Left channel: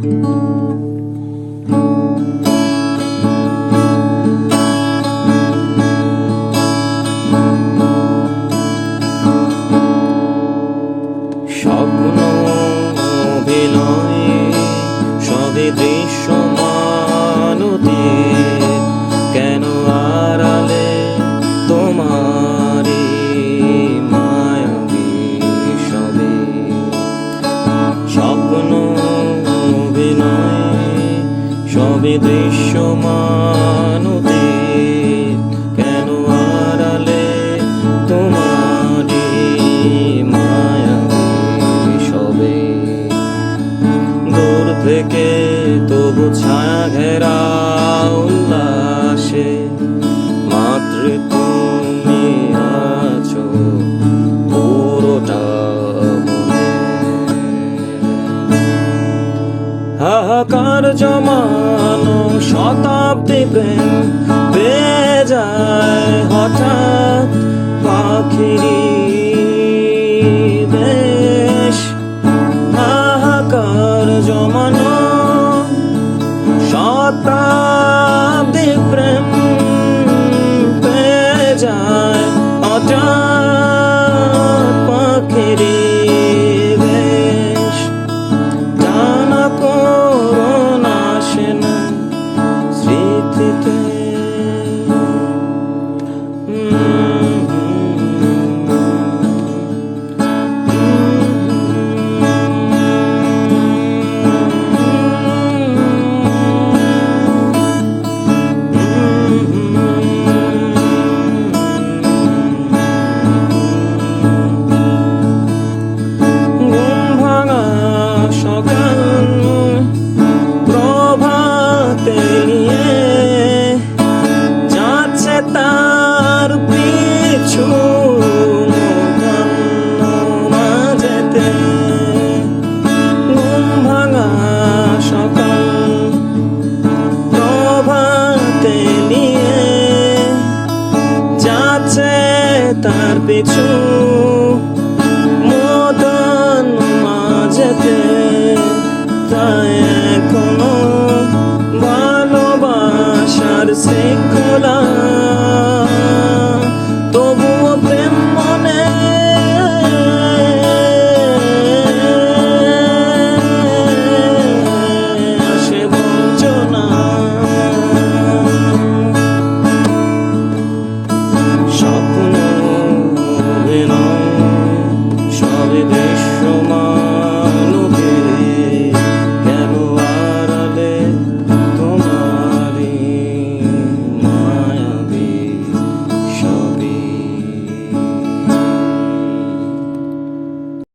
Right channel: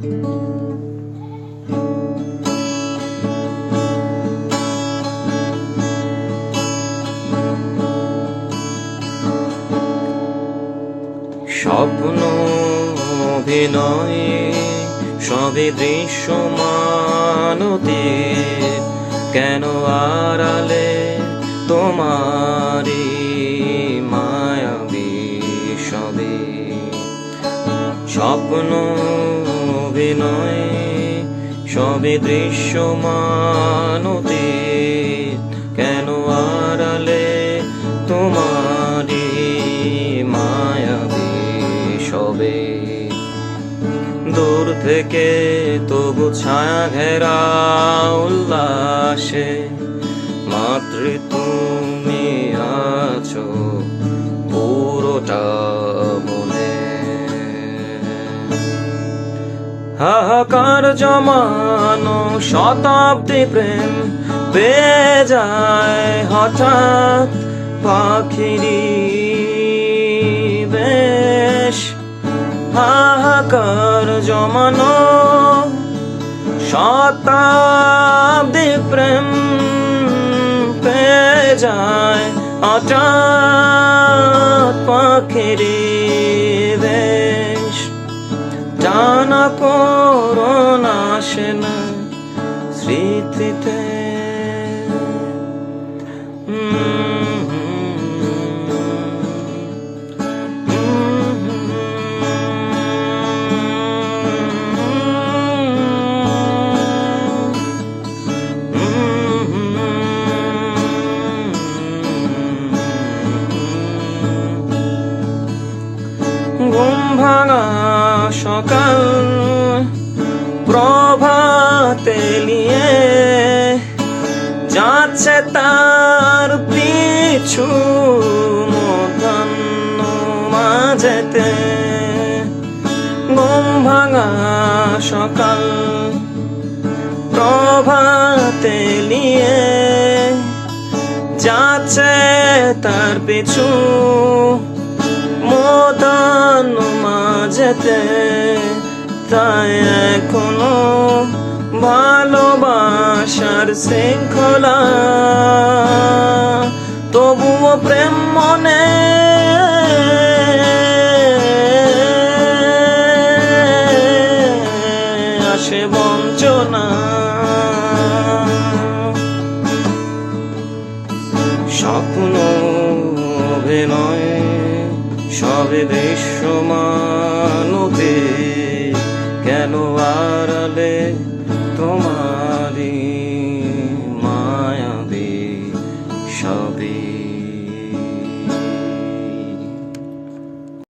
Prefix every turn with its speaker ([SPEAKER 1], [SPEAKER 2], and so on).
[SPEAKER 1] স্বপ্ন অভিনয়ে সবে দৃশ্যমানতে কেন আড়ালে তোমারি মায়াবী সবে? স্বপ্ন অভিনয়ে সবে দৃশ্যমানতে কেন আড়ালে তোমারি মায়াবী সবে? দূর থেকে তবু ছায়া ঘেরা উল্লাসে মাতৃ তুমি আছো পুরোটা মনে। হাহাকার জমানো শতাব্দী প্রেম পেয়ে যায় হঠাৎ পাখিরি বেশ। হাহাকার জমানো শতাব্দী প্রেম পেয়ে যায় হঠাৎ পাখিরি দেশ সকাল প্রভাতে নিয়ে যাচ্ছে তার পিছু মধ্যাহ্ন মাঝেতে। ঘুম ভাঙা সকাল প্রভাতে নিয়ে যাচ্ছে তার পিছু মতান মাঝেতে। তাই এখনও ভালোবাসার শৃঙ্খলা। তবুও প্রেম মনে আসে বঞ্চনা। স্বপ্ন অভিনয় সবে দৃশ্যমানতে belo